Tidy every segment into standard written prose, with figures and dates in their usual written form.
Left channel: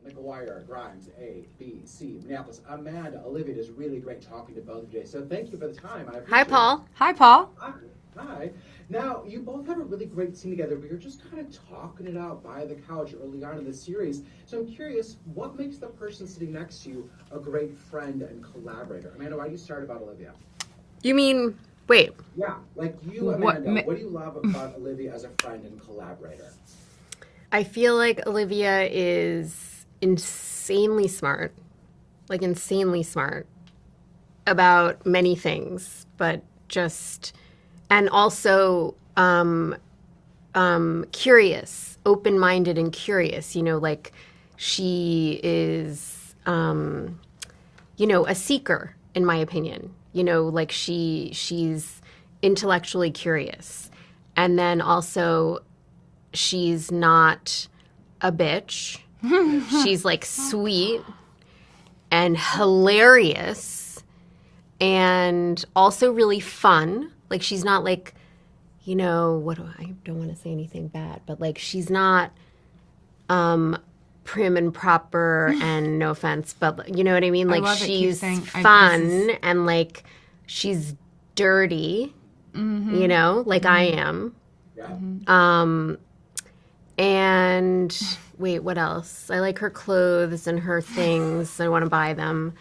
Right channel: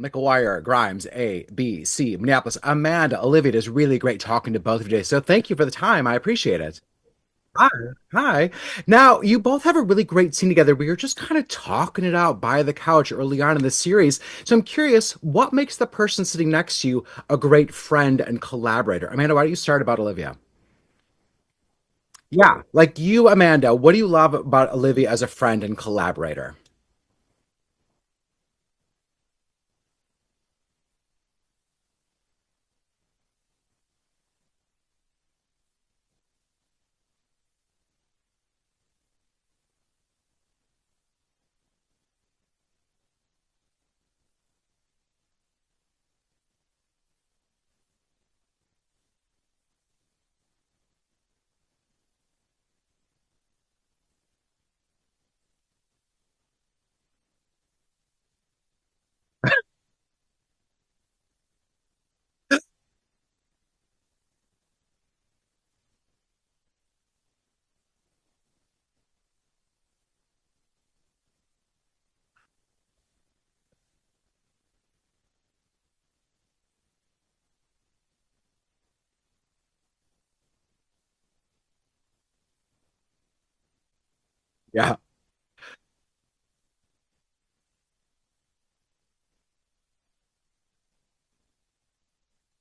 McGuire, Grimes, A, B, C, Minneapolis, Amanda, Olivia. It is really great talking to both of you today. So thank you for the time. I Hi, appreciate it. Paul. Hi, Paul. Hi. Hi. Now, you both have a really great scene together where you're just kind of talking it out by the couch early on in the series. So I'm curious, what makes the person sitting next to you a great friend and collaborator? Amanda, why don't you start about Olivia? You mean, wait, Yeah, like you, What? Amanda, what do you love about Olivia as a friend and collaborator? I feel like Olivia is insanely smart, like insanely smart about many things, but just, and also curious, open-minded and curious, like she is, a seeker, in my opinion, like she's intellectually curious. And then also she's not a bitch. She's like sweet and hilarious and also really fun. Like she's not like, I don't want to say anything bad, but like she's not prim and proper and no offense, but you know what I mean? Like love it. Keep she's saying, fun and like she's dirty, like I am. Yeah. And wait, what else? I like her clothes and her things. I want to buy them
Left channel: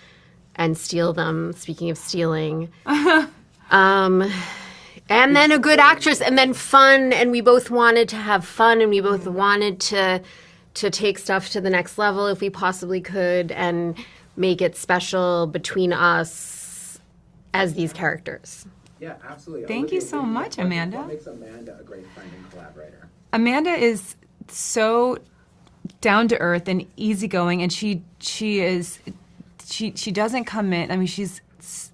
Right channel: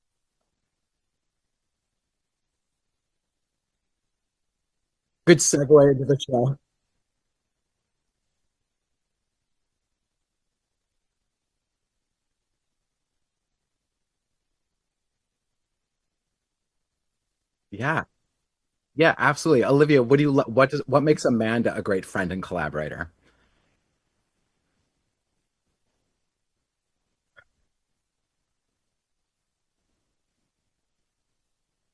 and steal them. Speaking of stealing. And Good then a segue good into actress the and then film. fun. And we both wanted to have fun and we both wanted to take stuff to the next level if we possibly could and make it special between us as these Yeah. characters. Yeah, absolutely. Thank Olivia, you what do so you much, what Amanda. what makes Amanda a great friend and collaborator? Amanda is so down to earth and easygoing, and she doesn't come in. I mean, she's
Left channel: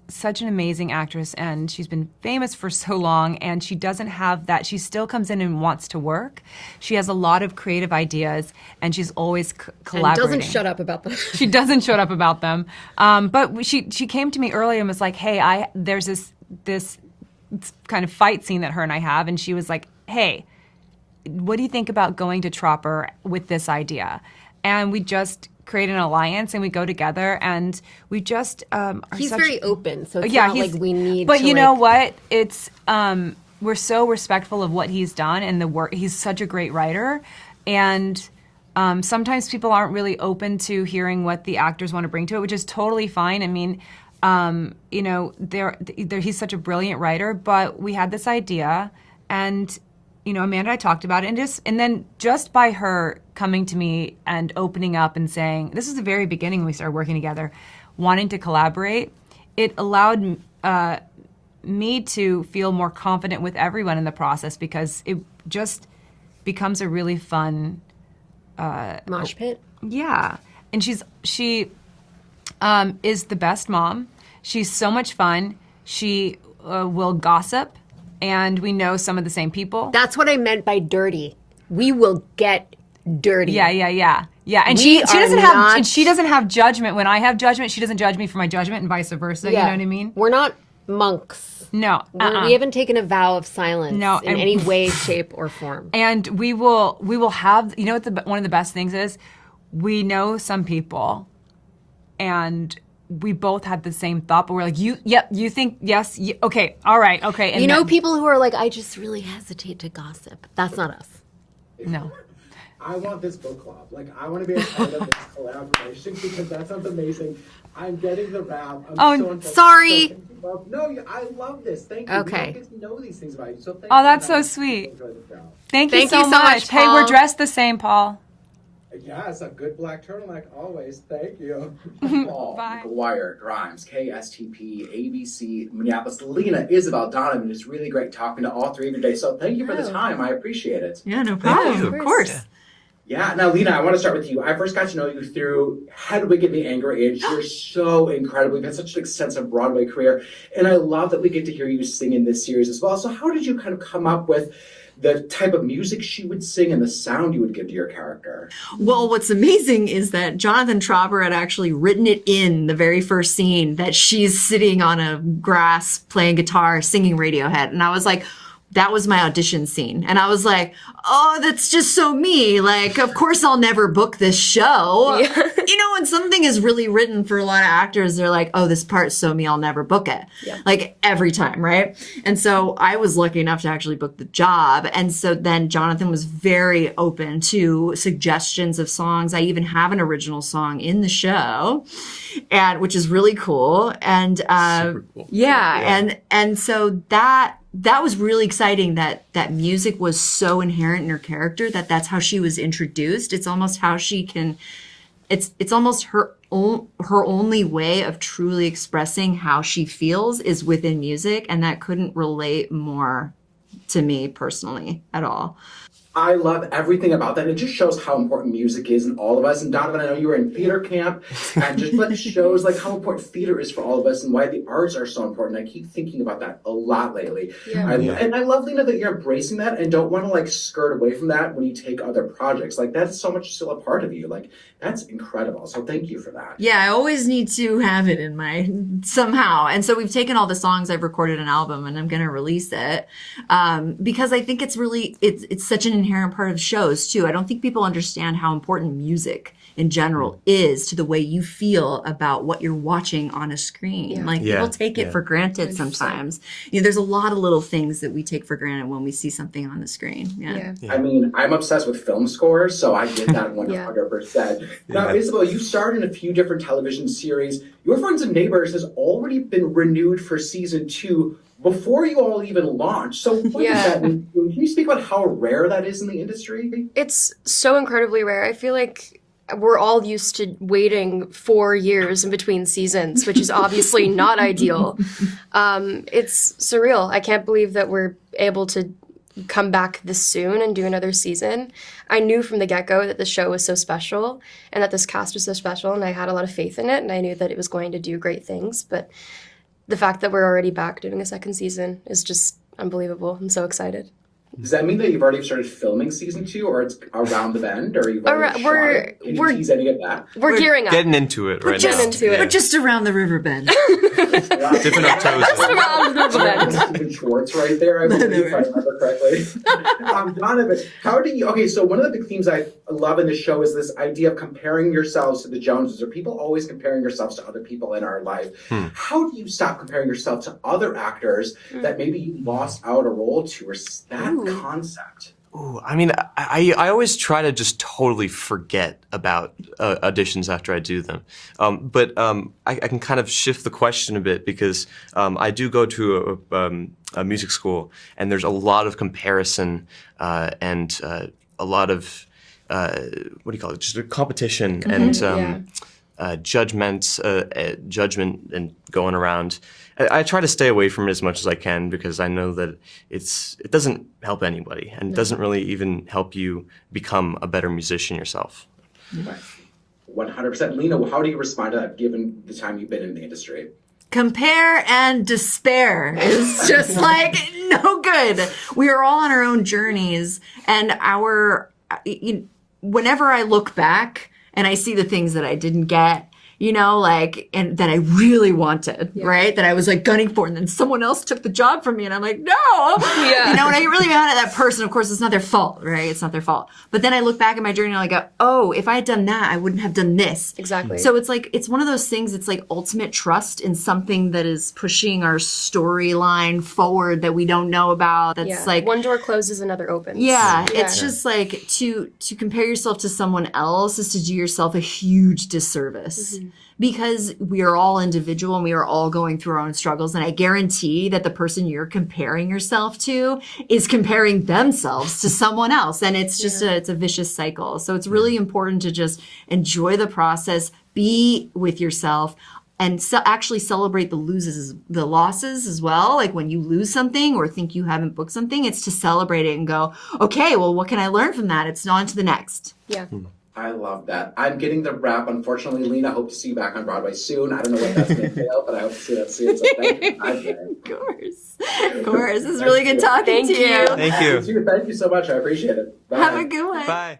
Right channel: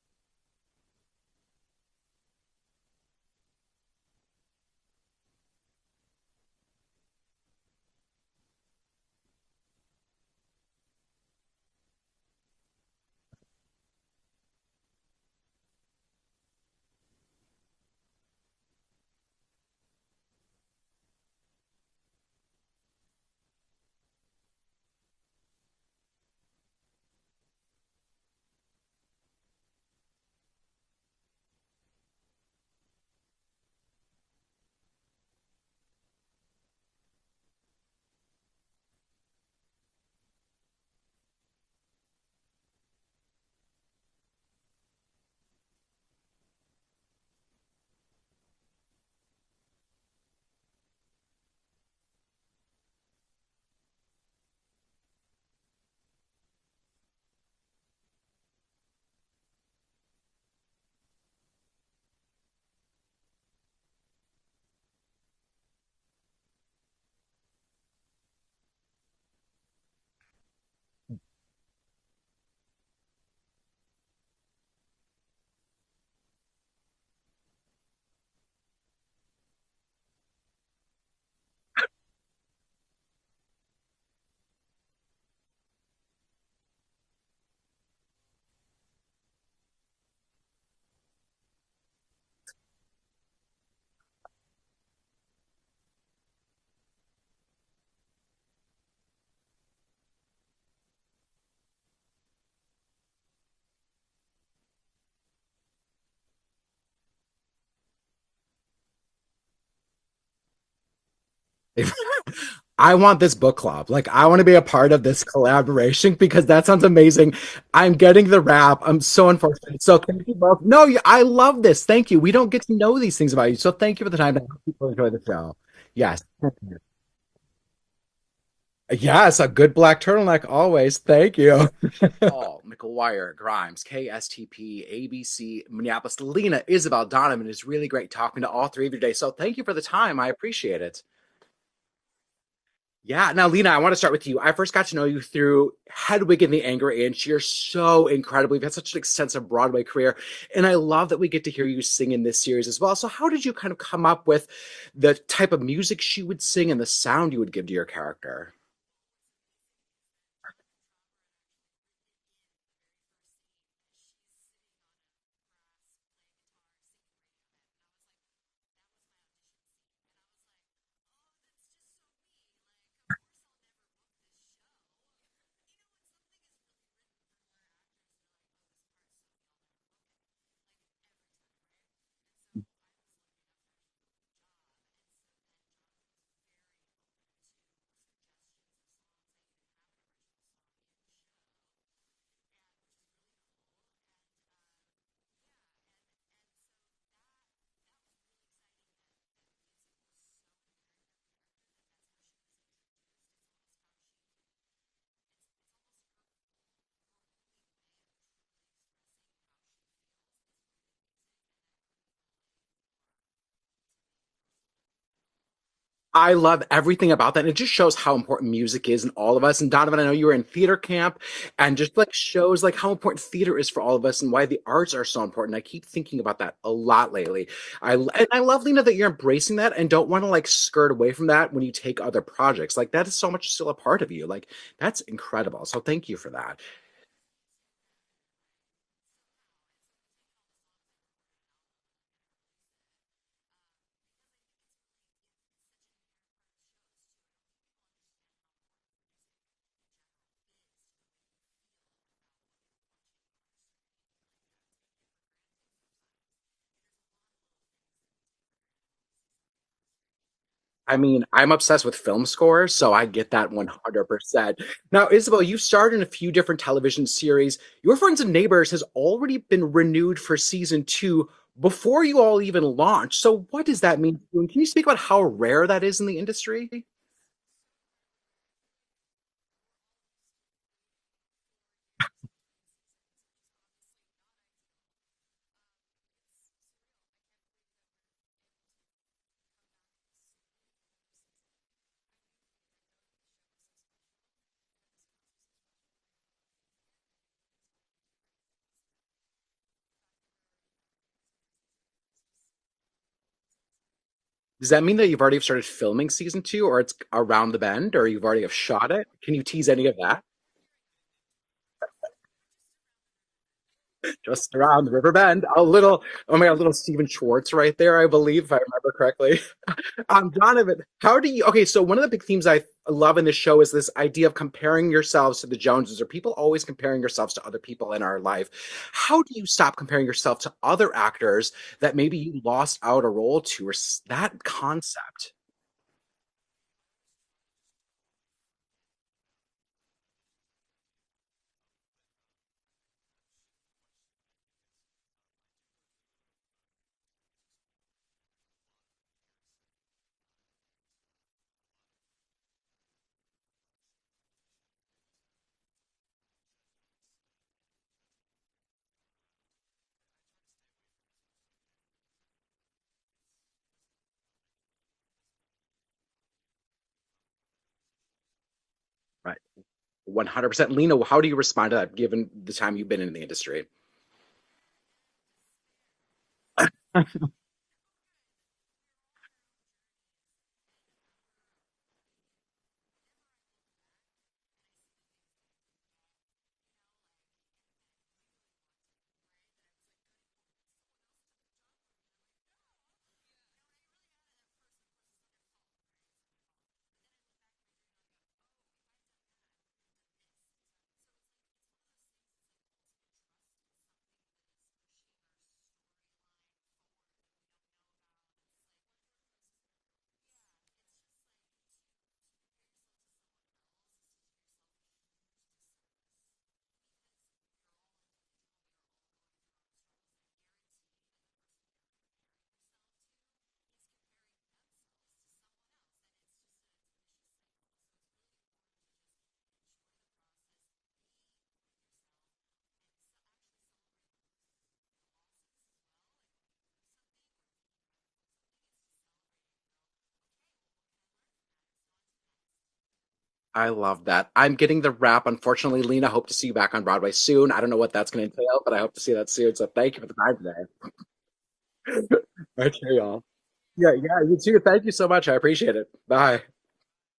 such an amazing actress, and she's been famous for so long, and she doesn't have that. She still comes in and wants to work. She has a lot of creative ideas, and she's always And collaborating. doesn't shut up about them. She doesn't shut up about them. But she came to me earlier and was like, "Hey, there's this kind of fight scene that her and I have," and she was like, "Hey, what do you think about going to Tropper with this idea?" And we just create an alliance and we go together and we just are He's such, very open, so it's yeah, not like we need but to you know like, what? It's we're so respectful of what he's done and the work. He's such a great writer, and sometimes people aren't really open to hearing what the actors want to bring to it, which is totally fine. I mean, he's such a brilliant writer, but we had this idea, and Amanda and I talked about it, and then just by her coming to me and opening up and saying, this is the very beginning when we started working together, wanting to collaborate, it allowed me to feel more confident with everyone in the process because it just becomes a really fun, mosh pit. yeah. And she is the best mom. She's so much fun. She will gossip, and we know some of the same people. That's what I meant by dirty. We will get dirty. Yeah. And We she are doesn't have not- and she doesn't have judgment. When I have judgment, she doesn't judge me for my judgment, and vice versa. You know what I mean? We're not monks. No. We haven't taken a vow of silence No, in and- any way, shape, or form. And we will have. You know what? One of the best things is, we know some people, and we both had the same thought, but we're like, you think yes, okay, all right, okay. And People who are like, I just really hesitate to gossip. That's not us. I want this book club. Like, I want to be a part of this collaboration because that sounds amazing. I'm getting the rap. I'm so unfortunate. sorry. So thank you both. No, I love this. Thank you. We don't Okay. get to know these things about you. So thank Oh, you for the that's time. so to sweet. Enjoy the show. Thank you Thank so you so much. much, Hey, we're Paul. dressed the same, Paul. Yes, a good black turtleneck always. Thank you. Bye. McGuire, Grimes, KSTP, ABC, Minneapolis, Lena, Isabel, Donovan. It's really great talking to all three of you today. So thank you for the time. I appreciate it. Yeah, no problem. Yeah, Of course. Yeah. Now, Lena, I want to start with you. I first got to know you through Hedwig and the Angry Inch. You're so incredible. You've had such an extensive Broadway career. And I love that we get to hear you sing in this series as well. So how did you kind of come up with the type of music she would sing and the sound you would give to your character? Well, what's amazing is that Jonathan Trauber had actually written it in the very first scene that she's sitting on a grass playing guitar, singing Radiohead. And I was like, that was my audition scene. And I was like, oh, that's just so me. Like, of course I'll never book this show. Yeah. You know, when something is really written for a lot of actors, they're like, oh, this part's so me, I'll never book it. Yeah. Like every time, right? And so I was lucky enough to actually book the job. And so then Jonathan was very open to suggestions of songs. I even have an original song in the show, and which is really cool. And Super cool. and so that was really exciting that music was so inherent in her character, that's how she was introduced. It's almost how she can, it's almost her only way of truly expressing how she feels is within music. And that couldn't relate more to me personally at all. I love everything about that. It just shows how important music is in all of us. And Donovan, I know you were in theater camp, and just like shows like how important theater is for all of us and why the arts are so important. I keep thinking about that a lot lately. Yeah. And I love, Lena, that you're embracing that and don't want to like skirt away from that when you take other projects. Like that's so much still a part of you. Like that's incredible. So thank you for that. Yeah, I always need to have it in my somehow. And so we've taken all the songs, I've recorded an album, and I'm going to release it because I think it's really, it's such an inherent part of shows too. I don't think people understand how important music in general is to the way you feel about what you're watching on a screen. Yeah. Like people take it for granted 100%. sometimes. You know, there's a lot of little things that we take for granted when we see something on the screen. Yeah. I mean, I'm obsessed with film scores, so I get that 100%. Now, Isabel, you've starred in a few different television series. Your Friends and Neighbors has already been renewed for season 2 before you all even launched. So what does that mean? Can you speak about how rare that is in the industry? It's so incredibly rare. I feel like we're all used to waiting 4 years in between seasons, which is obviously not ideal. It's surreal. I can't believe that we're able to come back this soon and do another season. I knew from the get-go that the show was so special and that this cast was so special, and I had a lot of faith in it, and I knew that it was going to do great things. But the fact that we're already back doing a second season is just unbelievable. I'm so excited. Does that mean that you've already started filming season 2, or it's around the bend, or you've already shot it? Can you tease any of that? We're gearing up. Getting into it right Getting now. into it. We're just around the river bend. It's around the Different bend. toes. A little Stephen Schwartz right there, I believe, if I remember correctly. Donovan, how do you? Okay, so one of the big themes I love in the show is this idea of comparing yourselves to the Joneses, or people always comparing yourselves to other people in our life. How do you stop comparing yourself to other actors that maybe you lost out a role to, or that concept? Ooh, I mean, I always try to just totally forget about auditions after I do them. But I can kind of shift the question a bit because I do go to a music school, and there's a lot of comparison and a lot of, what do you call it, just a competition and judgment and going around. I try to stay away from it as much as I can because I know that it doesn't help anybody, and it doesn't really even help you become a better musician yourself. Right. 100%. Lena, how do you respond to that given the time you've been in the industry? Compare and despair is just like no good. We are all on our own journeys, and whenever I look back and I see the things that I didn't get, you know, like, and that I really wanted, right? That I was like gunning for, and then someone else took the job from me, and I'm like, no! Yeah. You know, and I get really mad at that person. Of course, it's not their fault, right? It's not their fault. But then I look back at my journey and I go, oh, if I had done that, I wouldn't have done this. Exactly. So it's like, it's one of those things, it's like ultimate trust in something that is pushing our storyline forward that we don't know about. That's like, one door closes, another opens. yeah, it's just like to compare yourself to someone else is to do yourself a huge disservice. Because we are all individual and we are all going through our own struggles. And I guarantee that the person you're comparing yourself to is comparing themselves to someone else. And it's just it's a vicious cycle. So it's really important to just enjoy the process, be with yourself, and actually celebrate the losses as well. Like when you lose something or think you haven't booked something, it's to celebrate it and go, okay, well, what can I learn from that? It's on to the next. Yeah. I love that. I'm getting the wrap. Unfortunately, Lena, I hope to see you back on Broadway soon. I don't know what that's going to entail, but I hope to see that soon. So thank you for that. Of course. It's really good talking to you. Thank you. Thank you so much. I appreciate it. Bye. Have a good one. Bye.